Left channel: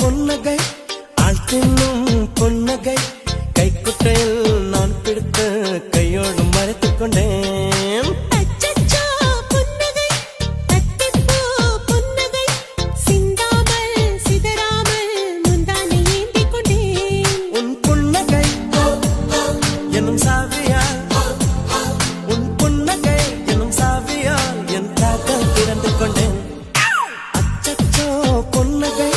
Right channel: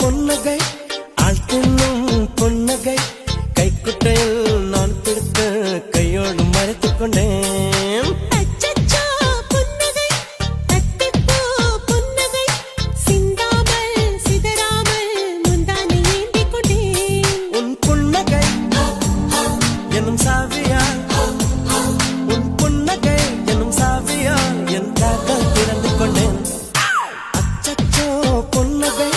பொன்னகை ஆள் தின்னும் பொன்னகை கைக்குட்டையில் நான் பிடித்து கையோடு மறைத்துக் கொண்டேன். அச்சச்சோ புன்னகை அத்திப்பூ புன்னகை சிந்தாமல் சிதறாமல் முந்தானை ஏந்திக் கொண்டேன். உன் புன்னகை எனும் சாவியால் உன் புன்னகை எனும் சாவியால் என் காதல் திறந்து கொண்டேன். அச்சச்சோ பொன்னகை